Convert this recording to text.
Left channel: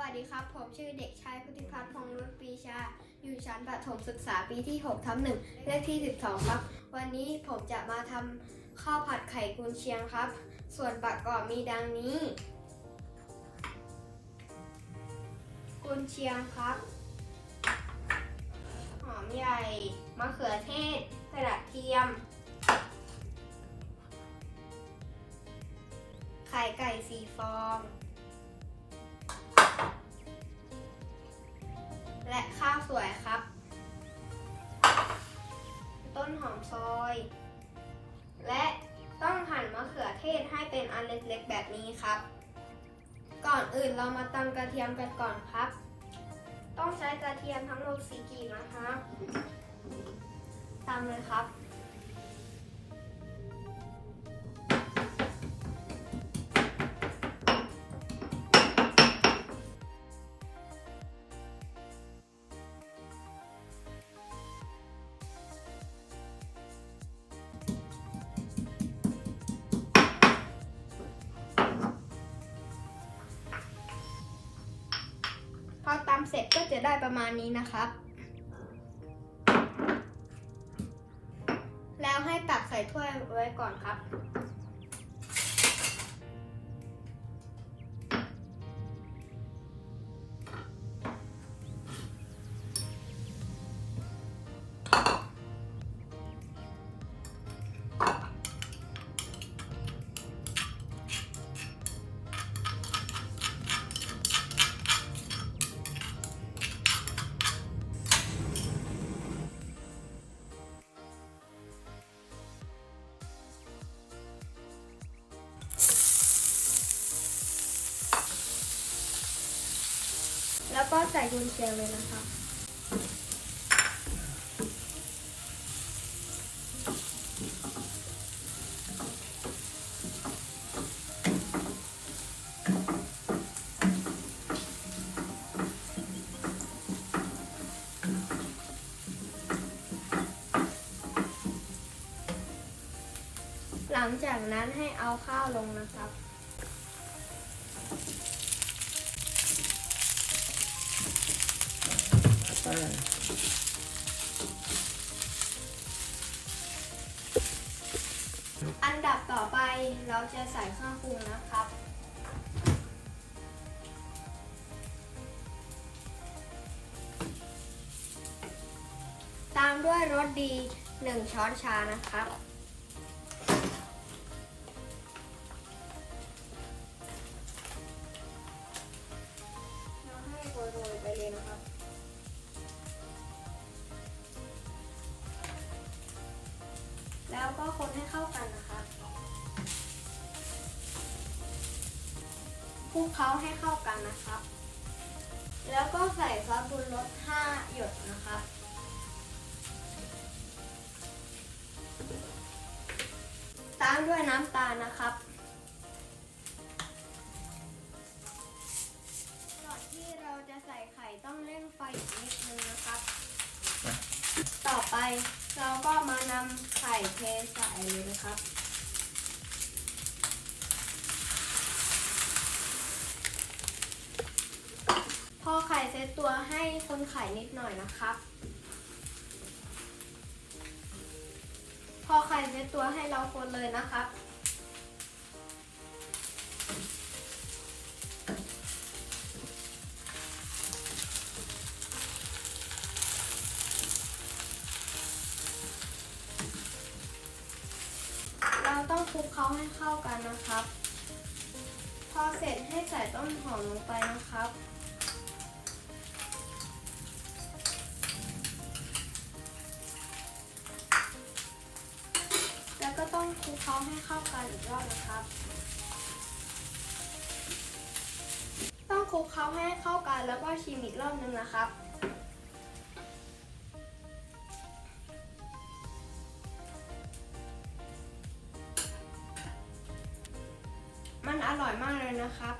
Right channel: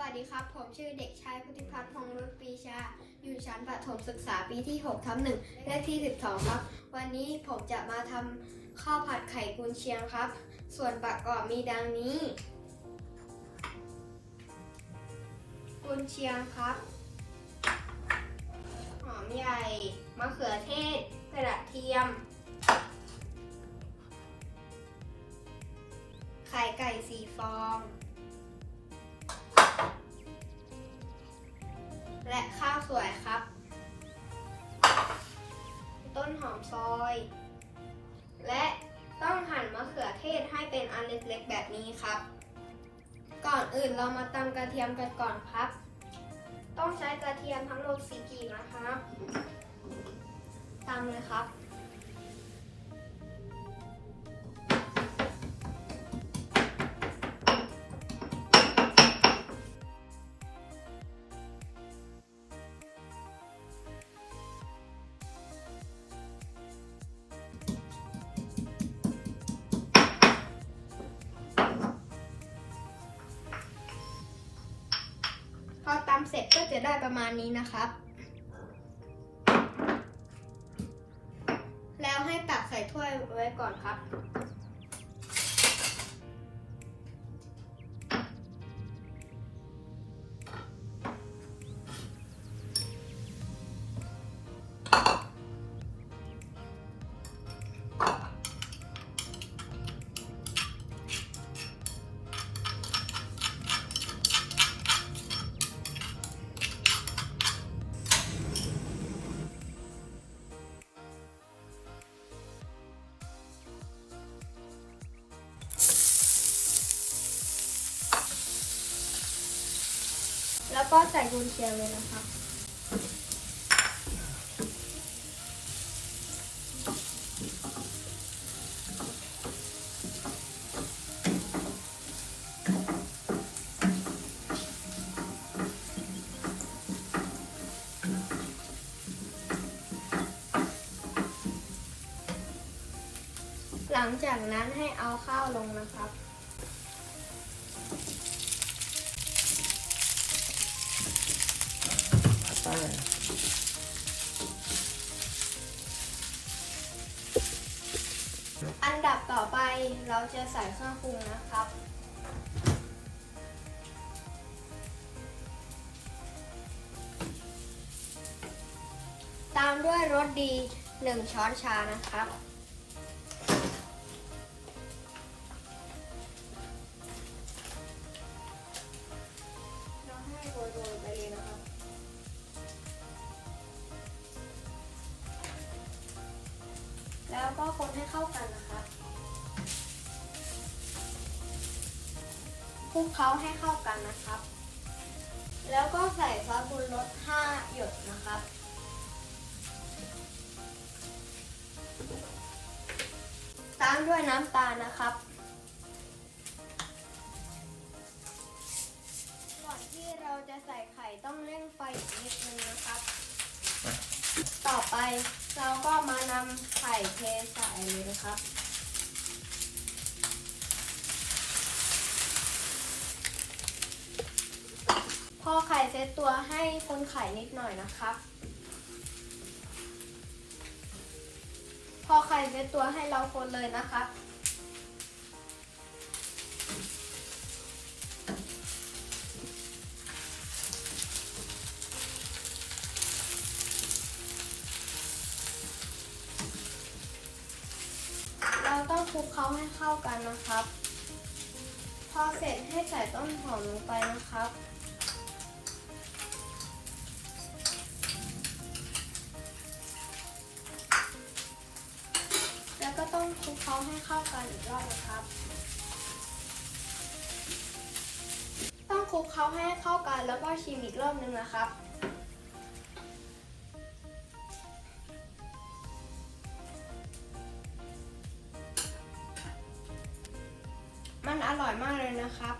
วัสดีครับ ผมชื่อเด็กชายพุทธิพัฒน์พงรุตปีชา อยู่ชั้นประถมศึกษาปีที่6ทับหนึ่งเลขที่ 12 ครับ วันนี้ผมจะมาทำข้าวผัดไข่กุนเชียงครับ ส่วนประกอบมีดังนี้ กุนเชียงครับ หอมใหญ่ มะเขือเทศ กระเทียม ไข่ไก่สีฟอง และข้าวสวยครับ ต้นหอมซอย และต้องหั่นมะเขือเทศให้เป็นอันเล็กๆแบบนี้ครับ ก่อนอื่นเรามาตำกระเทียมกันก่อนครับ ต้องใช้กระเทียมทั้งหมดสี่กีนะครับตำเลยครับ ตำเสร็จก็จะได้ประมาณนี้นะครับ แล้วให้ตักใส่ถ้วยไว้ก่อนครับ ก็ใส่กุนเชียงเลยนะคะ หลังจากนั้นให้เอาข้าวลงนะครับ อไปเราจะใส่เครื่องปรุงนะครับ ตามด้วยรสดี 1 ช้อนชานะครับ เราให้โรยๆไปเลยนะครับแล้วก็คนให้เข้ากันนะครับ คลุกเคล้าให้เข้ากันนะครับ แล้วก็ใส่ซอสปรุงรส5หยดนะครับ ตามด้วยน้ำตาลนะครับก่อนที่เราจะใส่ไข่ต้องเร่งไฟอีกนิดนึงนะครับ ต่อไปเราก็มานำไข่เทใส่เลยนะครับ พอไข่เซตตัวให้คนไข่นิดหน่อยนะครับ พอไข่เซตตัวให้เราคนเลยนะครับ เราต้องคลุกเคล้าให้เข้ากันนะครับ พอเสร็จให้ใส่ต้นหอมลงไปนะครับ คลุกเคล้าให้เข้ากันอีกรอบนะครับ ต้องคลุกเคล้าให้เข้ากันแล้วก็ชิมอีกรอบนึงนะครับมันอร่อยมากเลยนะครับ